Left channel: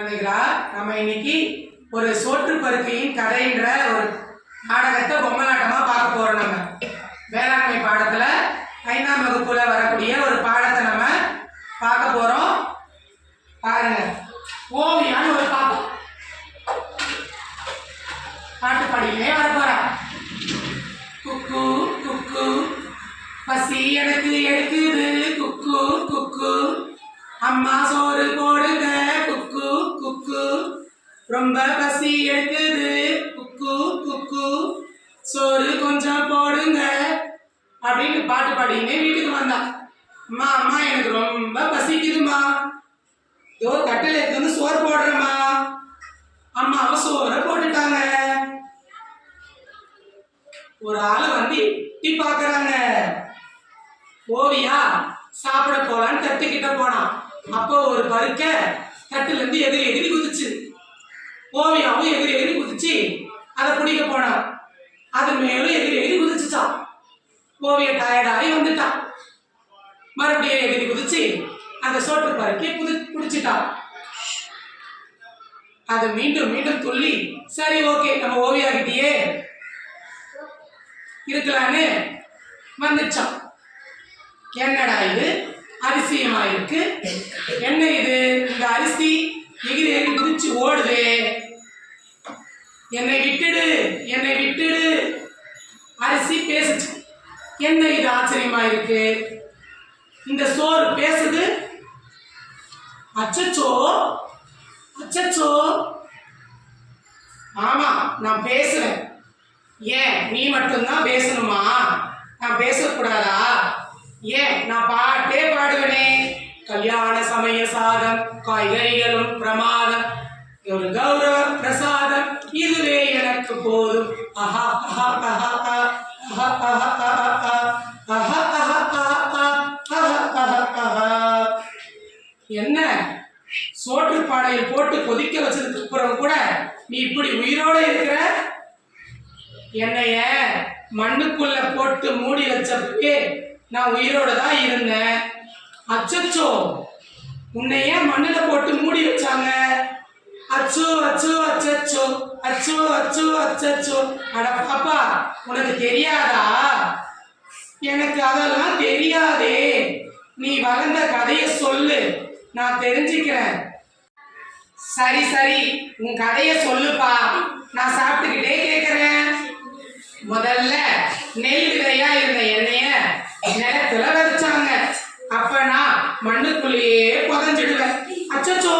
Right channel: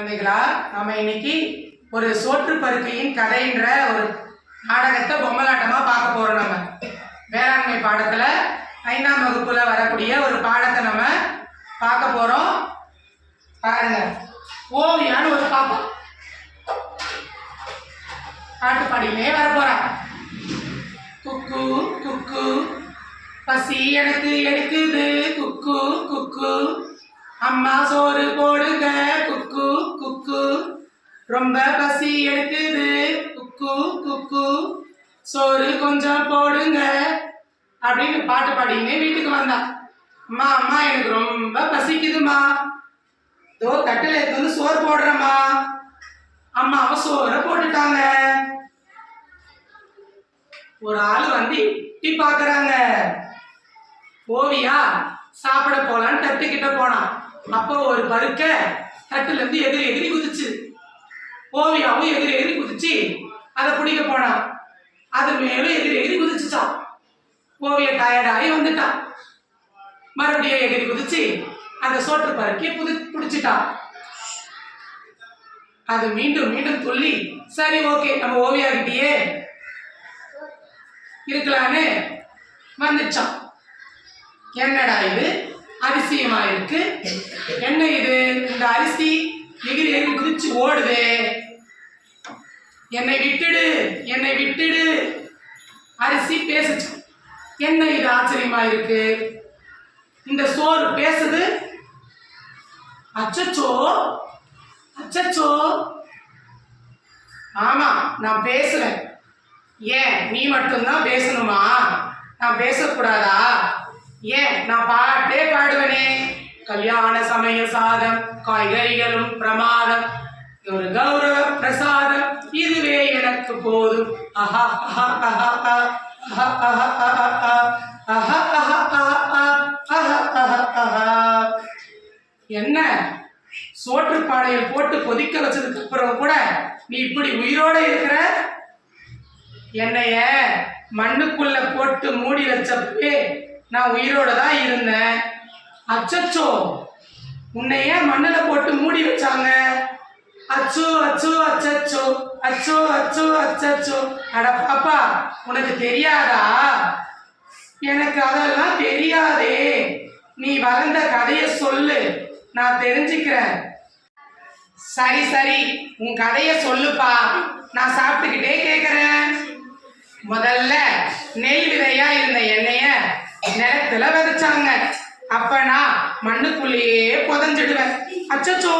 குழந்தைகளா நம்ம இன்னைக்கு ஒரு சோற்று பருக்கையின் கதைன்ற ஒரு நாடகத்தை பொம்மலாட்டமா பார்க்க போறோம் நம்ம. வேளாண்மை பாடத்துல ஐந்தாம் வகுப்புல வரக்கூடிய ஒரு பாடத்தை நம்ம பார்க்க போறோம். பாருங்க. ஓவியான்னு ஒரு பாப்பா. பாட்டுப்பாடியிலே வரப்போறா. வர குக்கு குக்கு. பசி எனக்கு எடுக்குது. குக்கு குக்கு. அம்மா சோறு போடுங்க. குக்கு குக்கு. ரொம்ப பசி எடுக்குது. குக்கு குக்கு. சோறு கொஞ்சம் போடுங்க. அப்படின்னு பாட்டு பாடிக்கினே வீட்டுக்கு வந்தா. அம்மா அம்மா எனக்கு ரொம்ப பசிக்குதுமா தோ தட்டில் எடுத்து வந்து சோறு போடுறேம்மா. அம்மாவை சோறை போட்டுட்டாங்க. ஒரு ஆள் வந்து எட்டி பார்க்குறாங்க ஓவியா சாப்பிட போலான்னு தட்டுக்கிட்ட போனான். அப்போ ஒரு பருக்க தட்டுல இருந்து எதிரி எதிரி குதிச்சு. ஓவியாவும் எதிரி எதிரி குதிச்சு அதை பிடிக்க போனான். அது மேலும் எதிரி எதிரி குதிச்சுச்சான். ஓவிய டயர்டாகி வந்துட்டான். மறுபடியும் எதிரி குதிச்சு அந்த சோற்று பருக்கி புது பிடிச்சிட்டான். அது மீண்டும் மீண்டும் துள்ளி சரி ஓகே நம்ம ஓவியா கிட்டயே இருக்கலான்னு வந்துச்சான். என்னடா இது? அரிசியுமா இருக்கு. என்ன இது? இந்த அரிசி எகிரி எகிரி குதிச்சு ஓடுதே. என்னை விட்டுடு என்னை விட்டுடு. அரிசி பேசுச்சு என்ன இது ஆச்சரியமா இருக்கு? இந்த சோறு பேசுது. அச்சச்சோ அச்சச்சோ. ஆமா நான் பேசுறேன். ஏன் நீ மட்டும்தான் பேசணுமா? நான் பேசக்கூடாதா? ஏன்? நான் பாட்டே பாடுவனே. கல்யாண சமய சாதம் காய்கறிகளும் பிரமாதம் ஒரு கௌரவ பிரசாதம் இதுவே எனக்கு போதும். அஹா அஹா அஹா அஹா அஹா அஹா அஹா என்ன சோற்று பானையில் போட்டு கொதிக்க வச்சதுக்கு அப்புறம் கூட நீ இப்படி உயிரோட இருக்கிற என்னைய மண்ணுக்குள்ள போட்டு மூடி வச்சப்பே நான் உயிரோட தான் இருந்தேன். அச்சச்சோ உன்னை ஏன் மண்ணில் போட்டு மூடி வச்சாங்க? அச்சோ அச்சோ அச்சச்சோ அச்சோ அச்சோ அச்சச்சோ. அட பாப்பா உனக்கு தெரியாதா? எனக்கு அதெல்லாம் தெரியாதே. நீ வளர்ந்த கதையை சொல்லு. நான் தெரிஞ்சுக்கிறேன். சரி சரி உன் கதையை சொல்லுப்பா. நான் சாப்பிட்டுக்கிட்டே கேட்குறேன் முதல்ல நெல் விதையா இருந்த எண்ணெய நிலத்துல விதைச்சாங்க அப்ப நான் மண்ணுக்குள்ளேயே புதஞ்சிடுவேன் அச்சச்சோ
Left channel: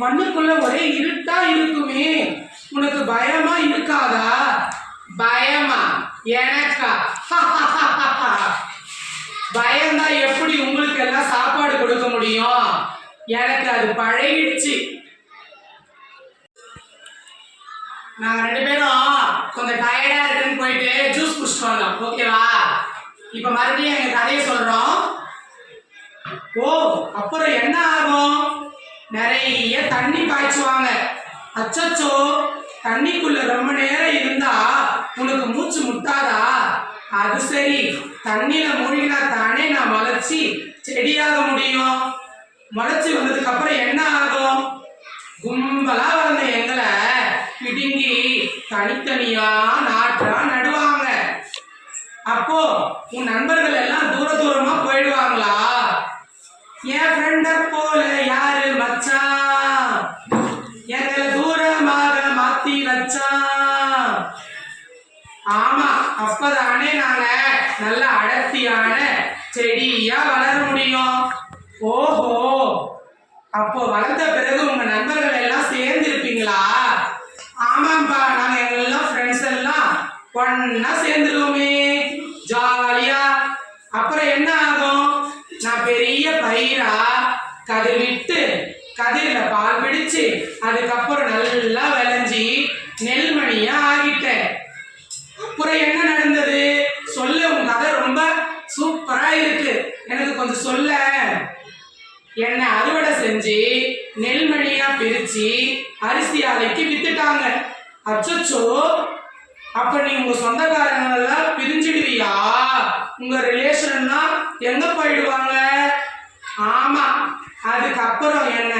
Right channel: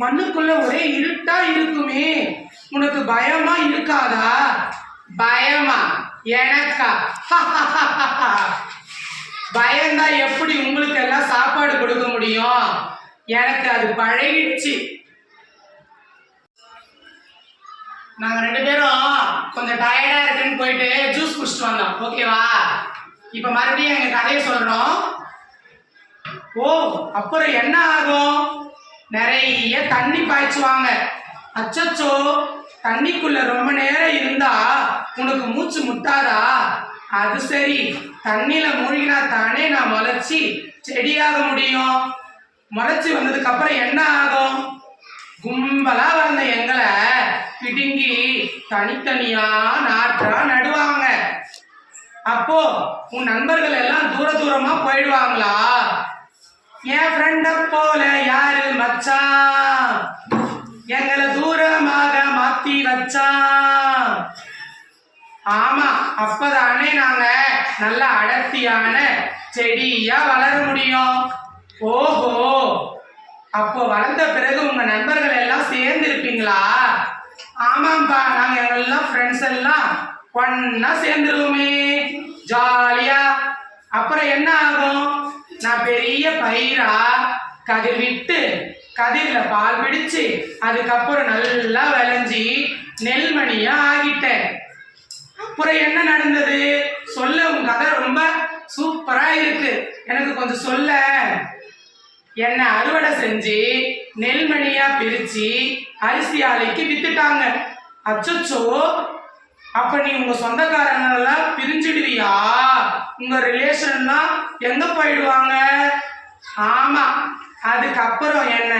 மண்ணுக்குள்ள ஒரே இருட்டா இருக்குமே. உனக்கு பயமா இருக்காதா? பயமா. எனக்கா? பயந்தா எப்படி உங்களுக்கு எல்லாம் சாப்பாடு கொடுக்க முடியும்? எனக்கு அது பழகிடுச்சு. நாங்க ரெண்டு பேரும் கொஞ்சம் டயர்டா இருக்குன்னு போயிட்டு ஜூஸ் குடிச்சிட்டு வந்தோம். ஓகேவா இப்ப மறுபடியும் எங்க கதையை சொல்றோம். ஓ அப்புறம் என்ன ஆகும்? நிறைய தண்ணி பாய்ச்சுவாங்க. அச்சச்சோ தண்ணிக்குள்ள ரொம்ப நேரம் இருந்தா உனக்கு மூச்சு முட்டாதா? அது சரி. தண்ணியில மூழ்கினா தானே நான் வளர்ச்சி செடியாக முடியும். முளைச்சி வந்ததுக்கு அப்புறம் என்ன ஆகும்? கும்பலா வளர்ந்த எங்களை பிடுங்கி தனித்தனியா நாற்றா நடுவாங்க. அப்போ உன் நண்பர்கள் எல்லாம் தூர தூரமா போயிடுவாங்களா? என் ஃப்ரெண்ட போல யாரு மச்சான் எங்களை தூரமாக மாத்தி வச்சான் ஆமா அப்பதானே நாங்க நல்ல அடர்த்தியான செடியா வளர முடியும். ஓஹோ அப்போ வளர்ந்த பிறகு உங்க நண்பர்கள் எல்லாம் சேர்ந்து இருப்பீங்களா ஆமாப்பா நாங்க எல்லாம் ஃப்ரெண்ட்ஸ் எல்லாம் ஒன்னா சேர்ந்துருவோமே ஜாலியா. அப்புறம் என்ன ஆகும்? நான் பெரிய பயிரா கதிர் விட்டு கதிரில் பால் பிடிச்சு அதுக்கப்புறம் நல்லா விளைஞ்சி நெல்மணியா ஆகிட்டேன். அப்புறம் என்ன நடந்தது? சொல்ல உன் கதை ரொம்ப சூப்பரா இருக்கு. எனக்கு கொஞ்சம் சொல்ல. என்னை அறுவடை செஞ்சு நெல்மணியா பிரிச்சு அரிசி ஆலைக்கு வித்துட்டாங்க. அச்சச்சோ. அப்ப நீ உங்க சொந்தக்காரங்களெல்லாம் பிரிஞ்சிடுவியா? உங்க ரிலேஷன்னா எங்க போயிடுவாங்க? ஆமா அதுக்கப்புறம் என்ன?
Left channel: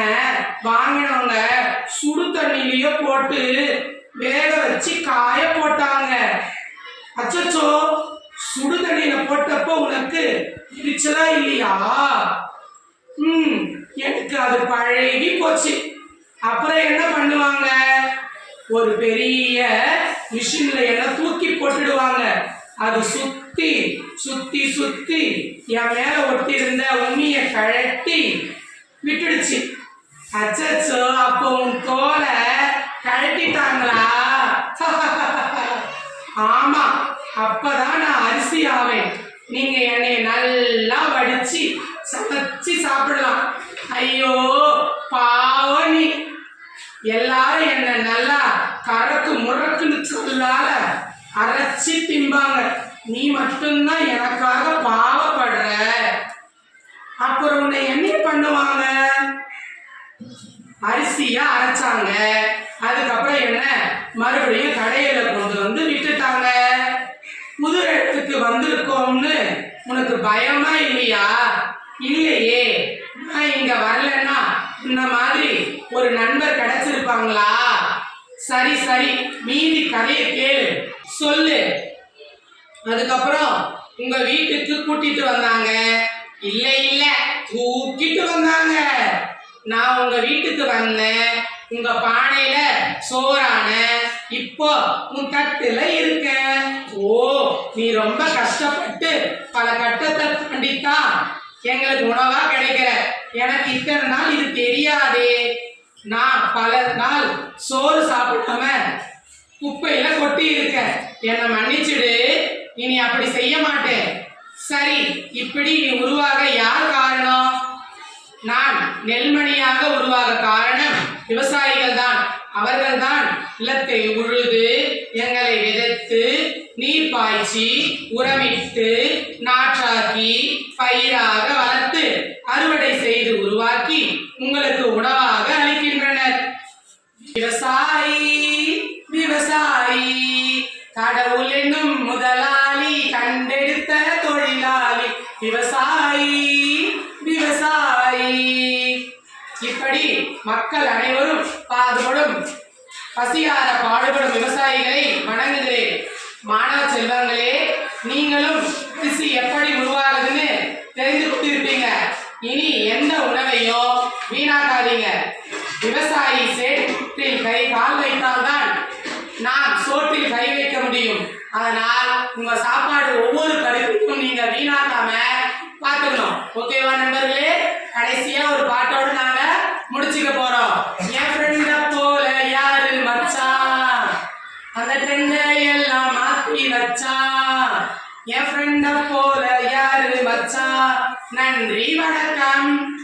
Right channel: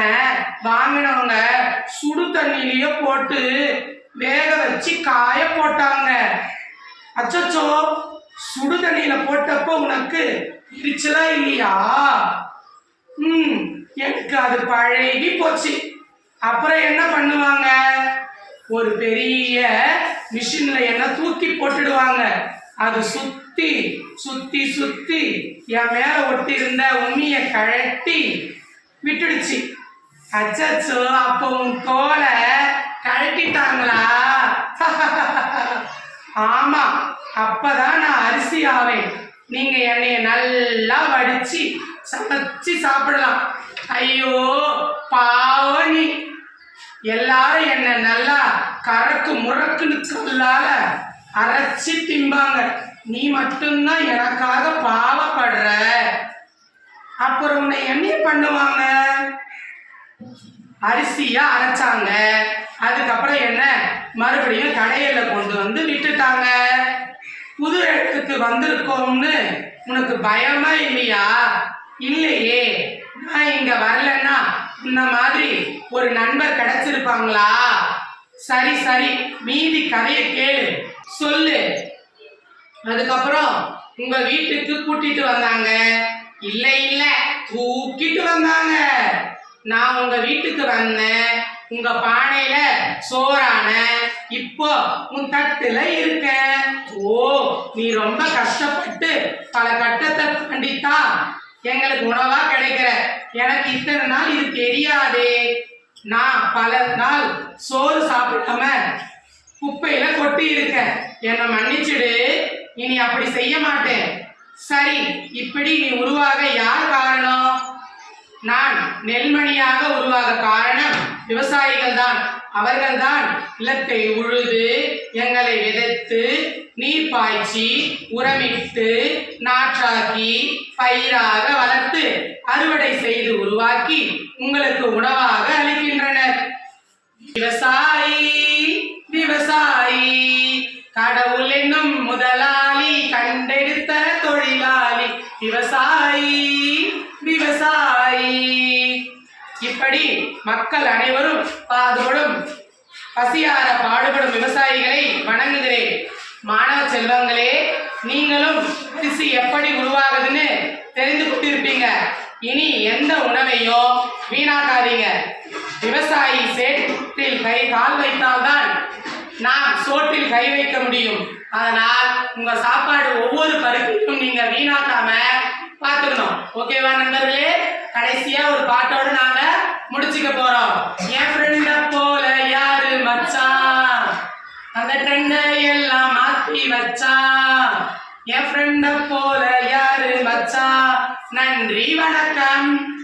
வாங்கினவங்க சுடு தண்ணியிலயோ போட்டு வேக வச்சு காய போட்டாங்க. அச்சச்சோ சுடு தண்ணியில போட்டப்போ உனக்கு இடிச்சதா இல்லையா? ம் எனக்கு அது பழகி போச்சு. அப்புறம் என்ன பண்ணுவாங்க? ஒரு பெரிய மிஷின்ல என்ன தூக்கி போட்டுடுவாங்க. அது சுத்த சுத்தி சுத்தி என் மேல ஒட்டி இருந்த உண்மைய கழட்டி விட்டுடுச்சு. அச்சோ அப்போ உன் தோலை கழட்டிட்டாங்களா? ஆமா அப்பதான் நான் அரிசி ஆவேன். நீங்க என்னைய நல்லா வடிச்சு சமைச்சு சாப்பிடலாம். ஐயோ பாவனி. நீ எல்லாரும் என்ன நல்லா கறக்கு முறக்குன்னு சொல்லால அரைச்சி திம்பாங்க. நீ மட்டும்தான் எனக்காக பாவப்படுற. அப்புறம் உன்னை என்ன பண்ணுவாங்க? அரிசியா அரைச்சாங்க. அதுக்கப்புறம் என்ன? மறுபடியும் கடையில கொண்டு வந்து விட்டுட்டாங்க. புது இடத்துக்கு வந்திருக்கோம்னு உனக்கு பயமா இல்லையா? இல்லையே. நான் இங்க வரலன்னா இந்த மாதிரி ஒரு நண்பர் கிடைச்சிருப்பாங்களா? சரி சரி. மீதி கதையை கேளு. சொல்லு. அதுக்கப்புறம் உங்க வீட்டுக்கு கூட்டிட்டு வந்தாங்க. இல்ல இல்ல தூக்கிட்டு வந்தாங்க. நான் உங்க வீட்டுக்கு வந்தேன். உங்க பானையில சோறான இப்போ உன் தட்டுல இருக்கேன். ஓ நீ ரொம்ப கஷ்டப்பட்டு பல கட்டத்தை தாண்டித்தான் எங்களுக்கு உணவா கிடைக்கிற. எனக்கு இத்தனை நாள் இது தெரியாதே. நான் பல நாள் சோறு சாப்பிடாம குப்பையில கொட்டி இருக்க என்னை மன்னிச்சிடு. இனி அப்படி செய்ய மாட்டேன். சரி இப்படி நீ உருவாக யார் காரணம்? நான் நெல்மணியாக உருவாக காரணம் விவசாயிகள் தான் அவர்கள் தான் நிலத்தை உழுது எங்களை விதைத்து நீர் பாய்ச்சி உரமிட்டு நாற்றாக்கி பயிராக வளர்த்து அறுவடை செய்து உருவாக்கி உங்களுக்கு உணவாக அளிக்கின்றனர். விவசாயி விவசாயி செல்வங்களே நீங்களும் திசு எப்படி உருவாகுதுன்னு தெரிந்து கொண்டிருப்பீங்க. இனி எந்த உணவையும் வீணாக்காதீங்க. விவசாயி சேற்றில் கை கால் வைத்தால்தான் நாம் சோற்றில் கை வைக்க முடியும். அதனால் உங்க சாப்பாடு ஒவ்வொரு பருப்பையும் நீங்க வீணாக்காம பார்த்துக்கணும். ஓகேவா நண்பர்களே? கடைசியா ஒரு பாட்டோட நாங்க முடிச்சுக்க போறோம். என் ஃப்ரெண்ட போல யாரு மச்சான்? அந்த ட்ரெண்டை எல்லாம் மாத்தி வச்சா. என் ஃப்ரெண்ட போல யாரு வச்சா நன்றி வணக்கம்.